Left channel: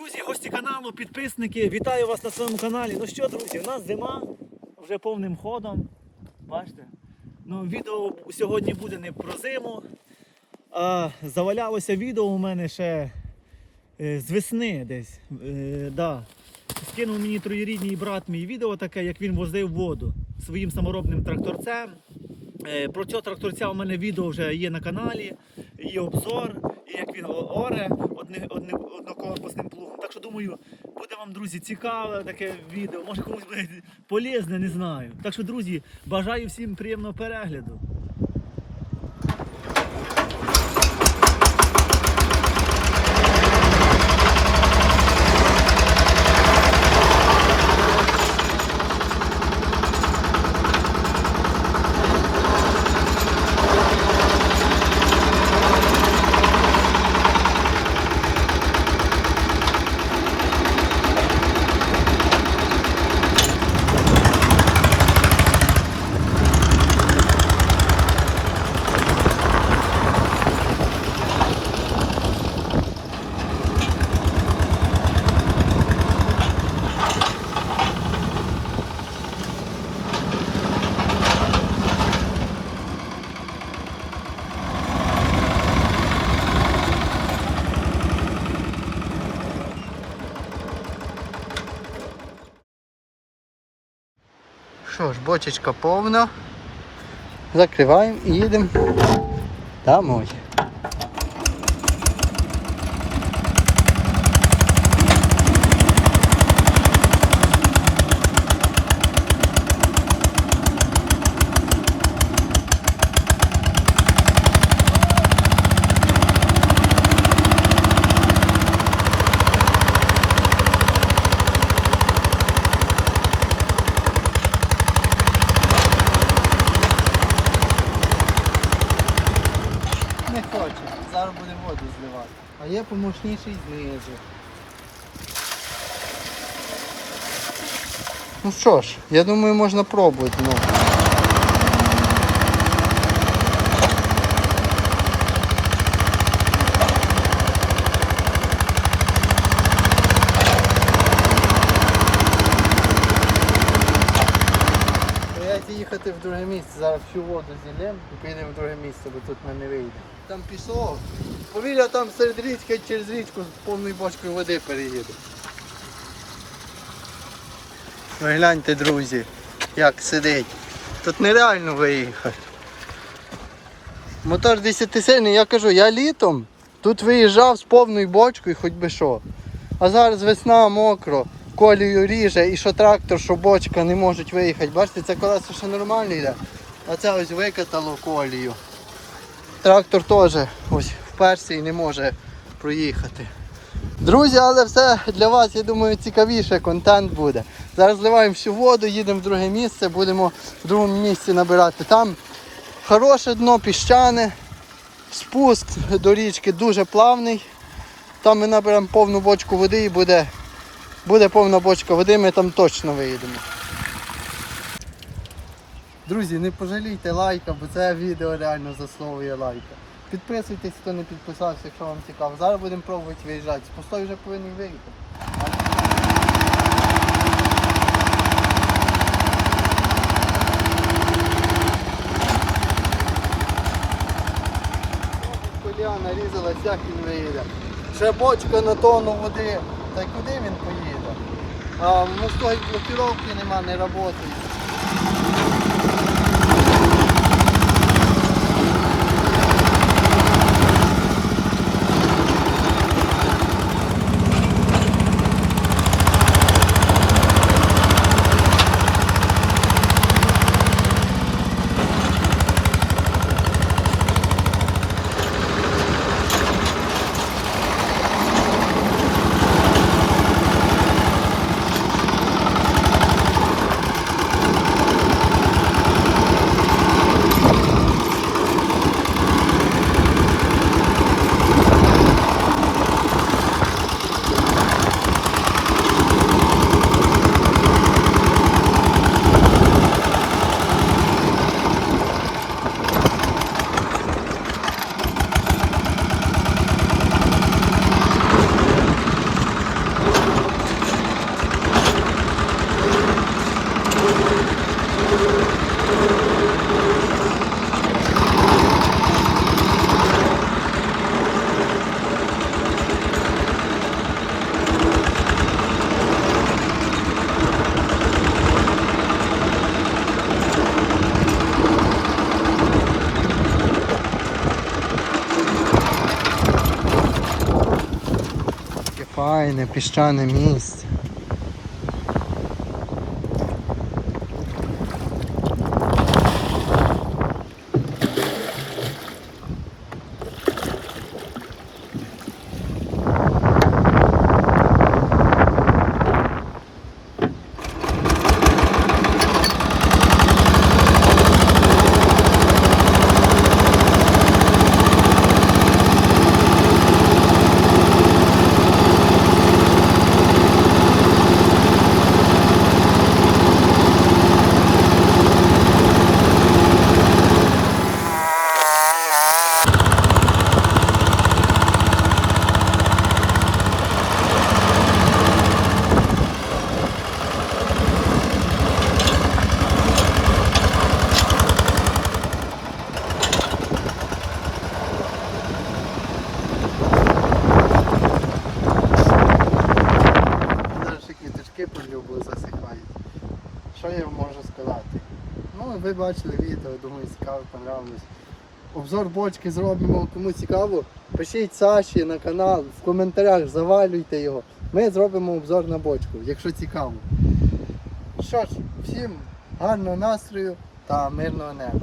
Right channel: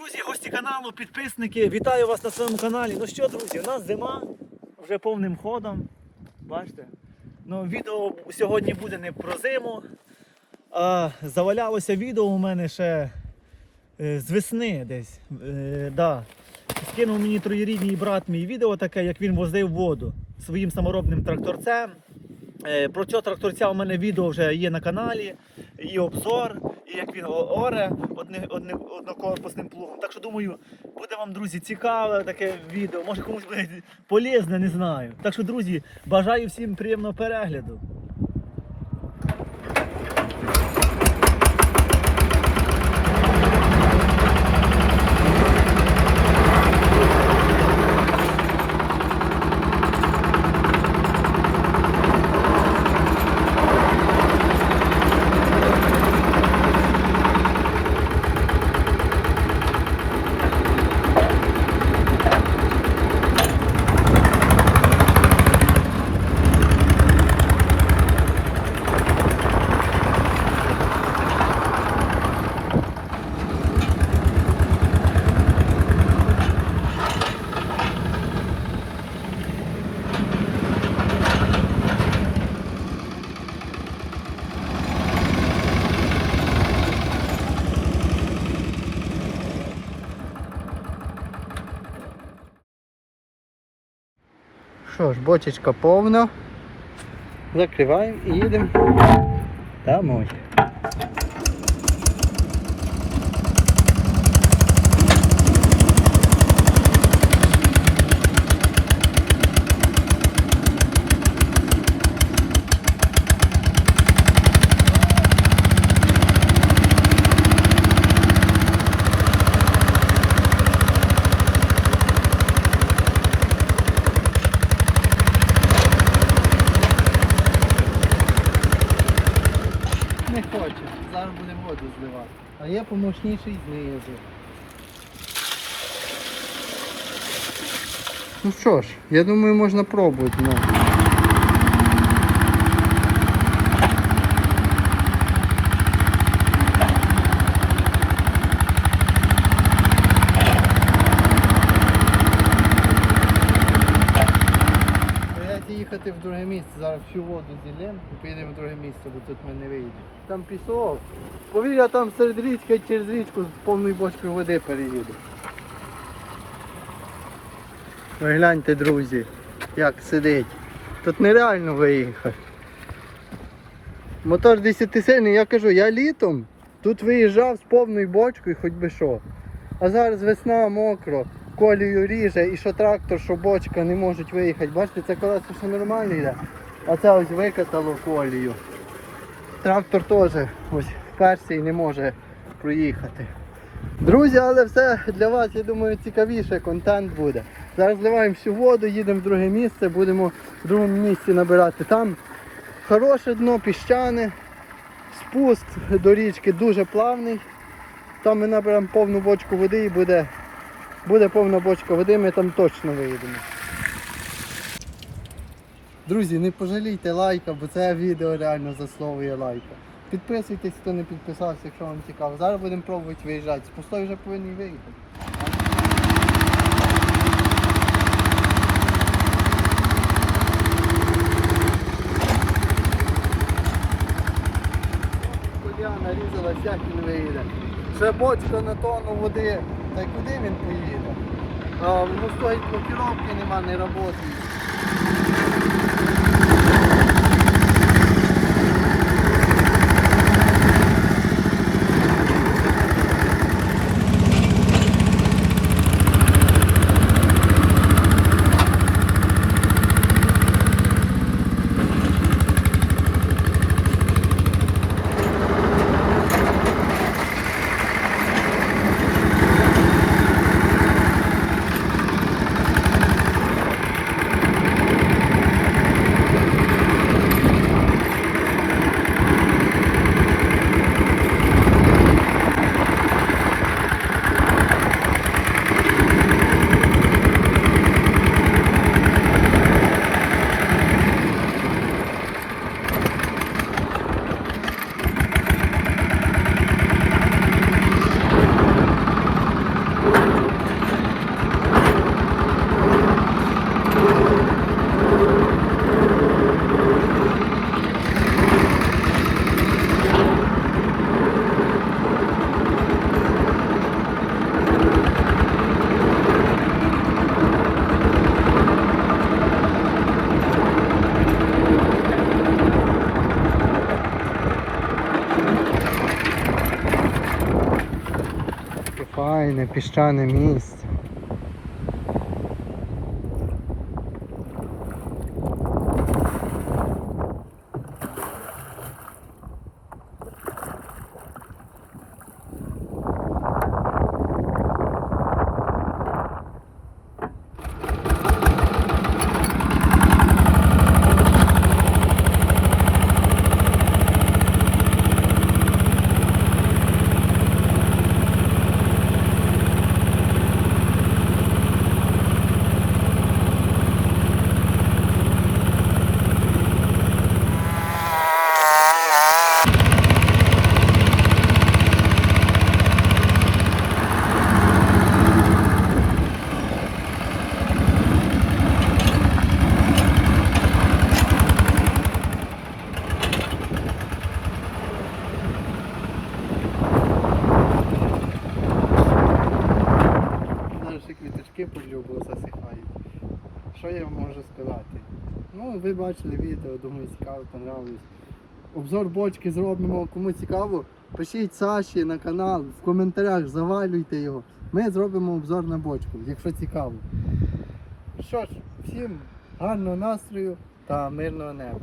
Друзі, гості каналу, підписники, вітаю вас на своєму каналі. Ну що, друзі, у нас зима вже повним ходом. Бачите? Ну, відео сьогодні буде не про зиму, а завалялося відео у мене ще е, з весни десь. Е, да. Мені троєрідний брат мій відео таке, як він возив воду своїм саморобним тракторцем. Е, Про цього тракторця у мене відео вже є на каналі, і обзор, і як він оре одне, одне, однокорпусним плугом. Так що думаю, буде вам, друзі, цікаве таке відео, може комусь буде полезне, не знаю. Так що, друзі, бажаю всім приємного перегляду. Що ж, бочечка повна. Закриваємо і їдемо домой. Хоче, зараз буде воду зливати. А є помощніший знизу. Ну що ж, я думаю, можна пробувати. Ну. Їхати в друге місце, зараз всю воду зілємо і поїдемо в друге місце, бо тут ми не вийдемо. Там пісок. Повіря там серед річки через річку з повною бочкою води переїде. Ви гляньте, друзі, як сидить. Тут нереально виїхати. Мотор 10 сильний, я кажу, я літом тут виїжджав з повною бочкою, хоч би що. А зараз весна мокро, колію ріже, і що трактор, що бочка не можуть виїхати. Бачите, це колесо ще нормально йде, а це ось викатало колію. Трактор теж ось вперся і не може проїхати. Друзі, але все для вас, я думаю, цікавіше контент буде. Зараз зливаємо всю воду, їдемо в друге місце, будемо в другому місці набирати. Там хороше дно, піщане, спуск до річки дуже плавний. Там ми наберемо повну бочку води і буде, буде повна бочка води, ми там точно виїдемо. Друзі, не пожалійте лайка, бо це відео реально заслуговує лайка. Підписуйтесь, хто не підписався, якщо вам цікаво. Зараз будемо пробувати виїжджати. З пустої вже повинен виїхати. Коля нарізалась, як він виїде. Ще бочка на тонну води. Та й куди він поїде? А, в мостої блокіровки нема, не працює. Файне піщане місце. Ще квіточки засихають. Що я вам можу сказати? Ну, ви бачили відео, думаю, цікаво, понравилось. Обзор бочки зробимо, кому цікаво. Пишіть Саші на канал, в коментарях завалюйте його. Ми зробимо обзор на бочку, якщо цікаво. Що ж, всім гарного настрою та мирного неба.